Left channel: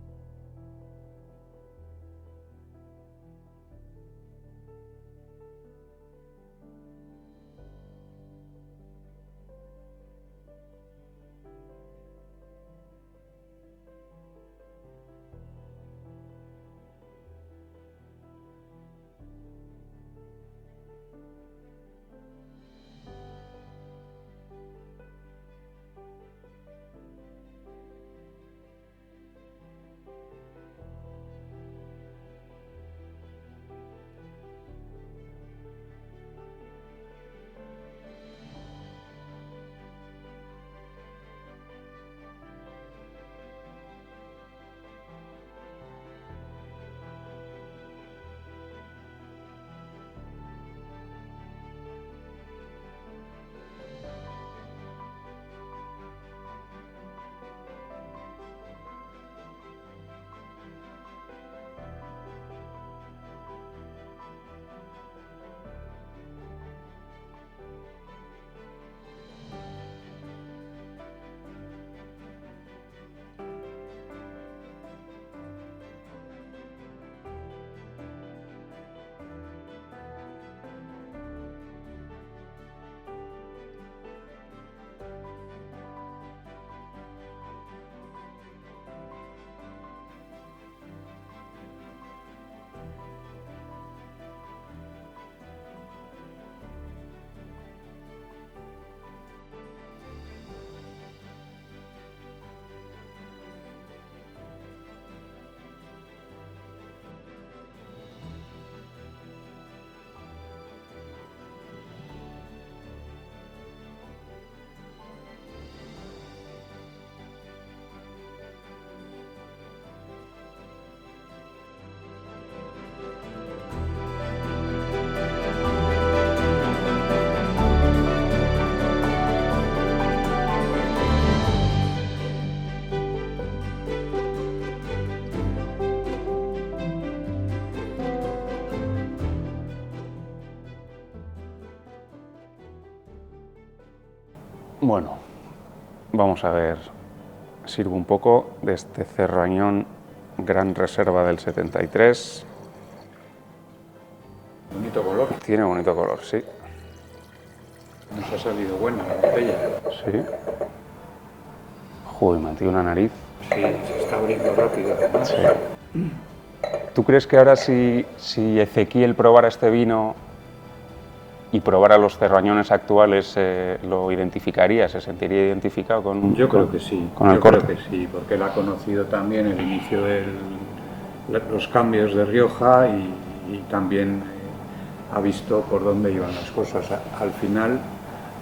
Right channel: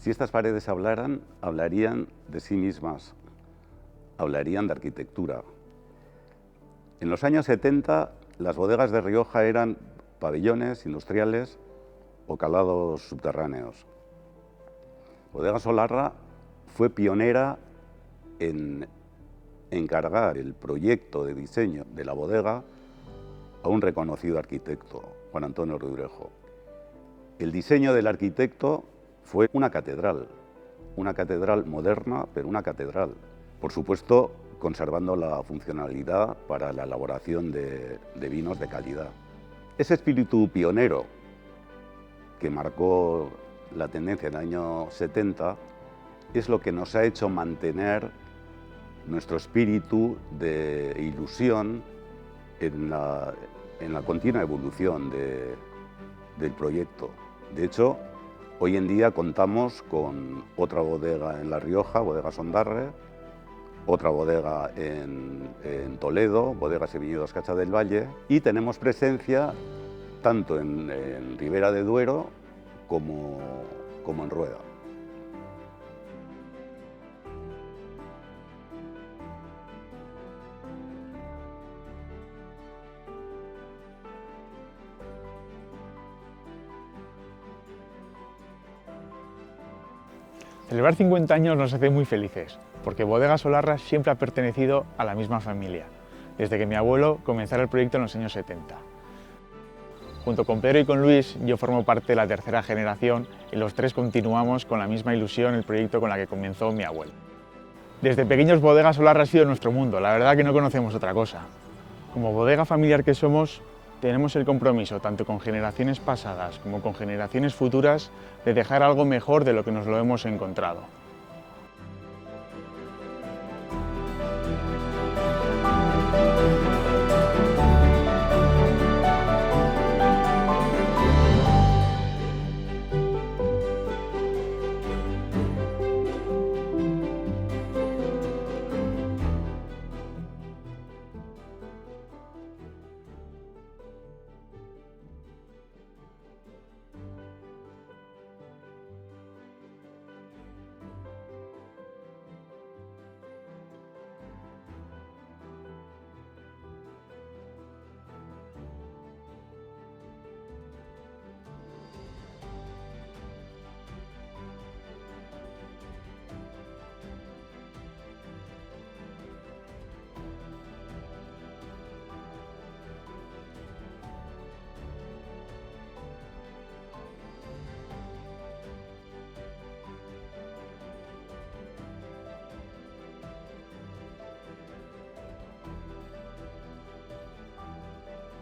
Si estas paredes hablaran, hablarían de sí mismas, hablarían de arquitectura. En los años 70, las bodegas de Rioja eran pabellones industriales o calados subterráneos. Bodegas Solarra fue pionera en encargar el proyecto de diseño de la bodega a un reconocido arquitecto, Juan Antonio Rudrejo. El diseño del arquitecto fue una catedral moderna, pero una catedral. Por supuesto, conservando la funcionalidad para la elaboración de vinos de calidad. Ese espíritu pionero que marcó la tendencia en el año 70 es lo que nos ha hecho mantener nuestro espíritu de ilusión en la continua evolución del proyecto. De hecho, hoy en día contamos con otra bodega en La Rioja, Bodega Sondarre, otra bodega en Toledo, Bodegas y Viñedos Cacha del Valle, y tenemos presencia tanto en Ribera de Duero como en Rueda. Celebrar 50 años nos hace muy felices, porque Bodegas Solarra siempre ha pertenecido a la misma familia, desde que mi abuelo comenzara el proyecto en los años 70. Junto con Pedro y con Luis, yo formo parte de la tercera generación y los tres continuamos con la misma ilusión el proyecto con la que comenzó mi abuelo. Desde pequeños Bodegas Solarra ha sido nuestro mundo, la verdad que no conocemos otra cosa. Como bodega familiar que somos, tenemos el compromiso, tanto con generaciones pasadas como con generaciones futuras, de dejar algo mejor de lo que nos lo hemos encontrado. Bueno, vamos a ver, sirvo un poco de este Cerrañón Gran Reserva del 73. Bonito color. Tiene bonito color, sí. Nos ha salido buena la botella. Sí. Joder, me ha metido una nariz. Sí, se está abriendo rápido. Sí. ¿Tú crees que ahora si Ezequiel probara este vino y probara los cerrañones actuales, lo identificaría, se sentiría identificado con Yo creo que sí, con el corte? creo que sí, porque él ha conocido también el inicio de los cambios de Rioja y también ha visto por dónde iban las cosas. Al final,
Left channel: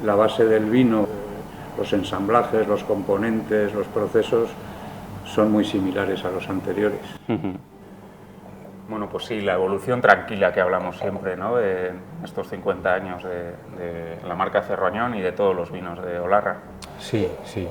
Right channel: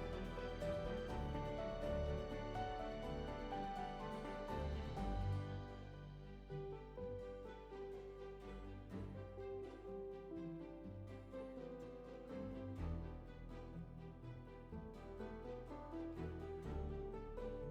la base del vino, los ensamblajes, los componentes, los procesos, son muy similares a los anteriores. Bueno, pues sí, la evolución tranquila que hablamos siempre, ¿no?, de estos 50 años de la marca Cerrañón y de todos los vinos de Olarra. Sí, sí.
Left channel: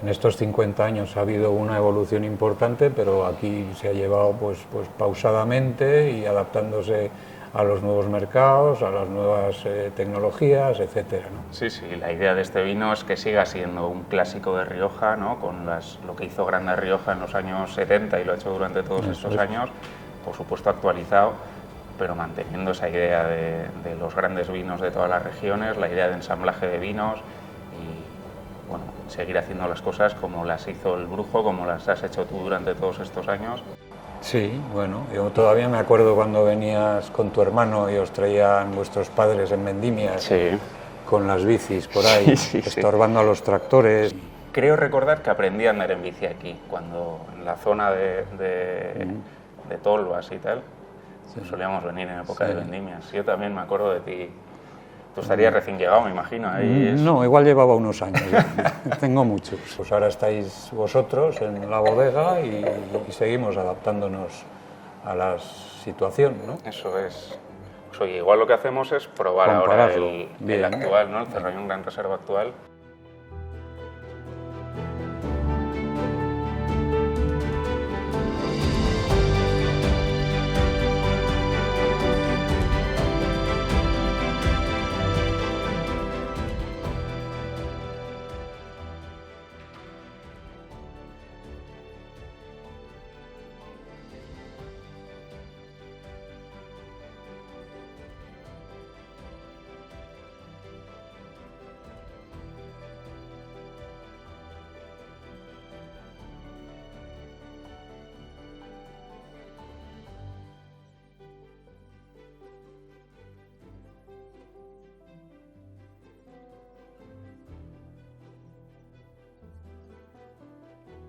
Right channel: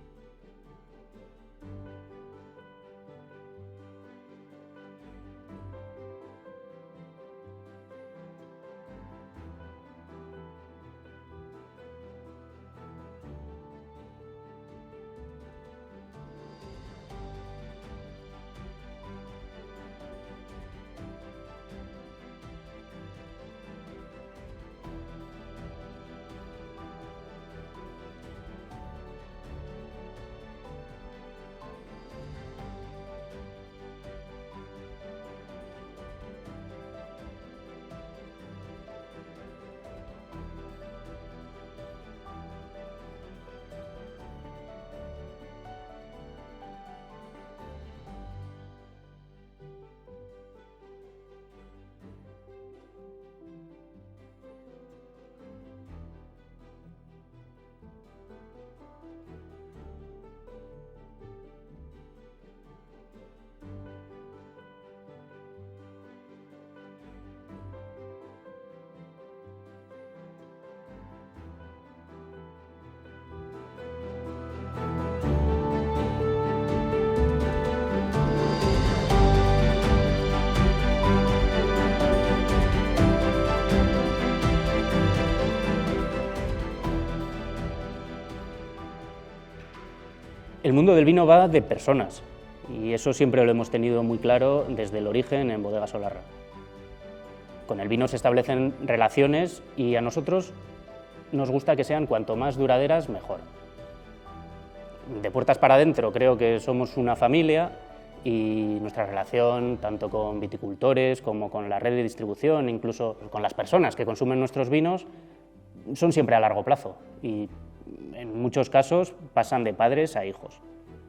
En estos 50 años ha habido una evolución importante, pero aquí se ha llevado pues pausadamente y adaptándose a los nuevos mercados, a las nuevas tecnologías, etcétera, ¿no? Sí, sí, la idea de este vino es que siga siendo un clásico de Rioja, ¿no?, con lo que hizo grande Rioja en los años 70 y lo ha hecho durante todos estos años, por supuesto actualizado, pero manteniendo esa idea de los grandes vinos de todas las regiones, la idea de ensamblaje de vinos y, bueno, seguir haciendo las cosas como las hizo el Brujo, como las has hecho tú durante todos estos años. Sí, bueno, yo todavía me acuerdo cuando venías con tu hermano y os traían vuestros padres en vendimias, Sí. con las bicis por ahí, estorbando a los tractores. Creo recordar que aprendí a andar en bici aquí, cuando en la zona de Tolvas y tal, solíamos venir en época de vendimias. Yo también me acuerdo de ti. Tú estarías recién llegado, me imagino. No, igual llevaba unos años, tengo muchos. Pues ahora estáis vosotros en la bodega y seguimos adaptándonos a la situación, ¿no? Eso es. Pues oye, igual lo que hacemos es probar ahora el actual, ¿no?, el Cerrañón Gran Reserva actual. El mundo del vino va de personas. Y eso siempre lo hemos tenido muy claro desde el origen en Bodega Solarra. Con el vino se establecen relaciones y a nosotros nos gusta que sean cuanto más duraderas, mejor. De puertas para adentro creo que somos una familia y nuestra relación, tanto con viticultores como con la red de distribución, incluso con las personas que consumen nuestros vinos, son siempre a largo plazo y en muchos casos pasan de padres a hijos.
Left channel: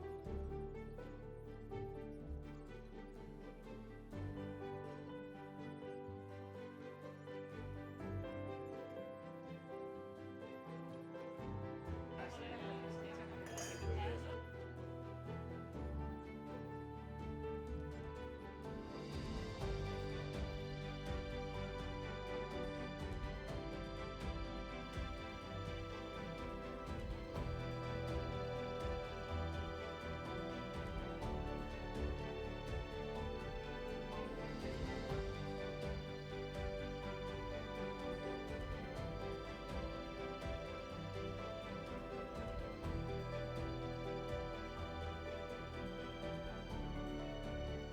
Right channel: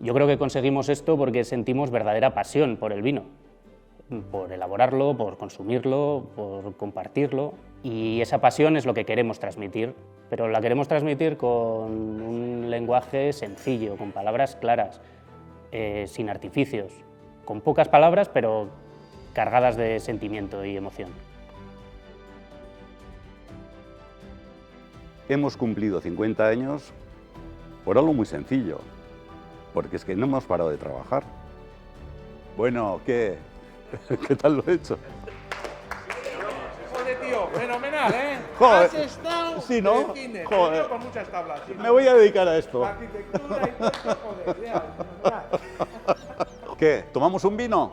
Yo creo que conseguimos esto porque sentimos verdadera pasión por el vino, por elaborarlo, por consumirlo, por compartirlo, y esa pasión es lo que queremos transmitir, pero la queremos transmitir con un lenguaje sencillo, con palabras claras, sin artificios, con pocas palabras pero cargadas de sentimiento y emoción. Hemos cumplido 50 años por algo muy sencillo, porque es que no hemos parado de trabajar. Bueno, ¿qué tal lo he hecho? Joder, tío, fenomenal, ¿eh? Joder. Has estado Sí, ¿no? de cine, Joder. con muchas tablas. Sí, Me voy a dedicar a esto. la arquitectura y todo eso, joder, ya, fenomenal. ¿Qué? ¿Tomamos un vino?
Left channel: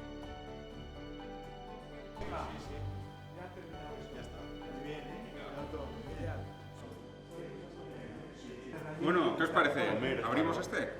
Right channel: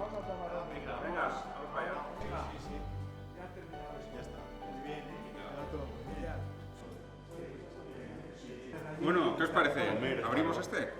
Bueno, ¿qué os parece? ¿Abrimos este?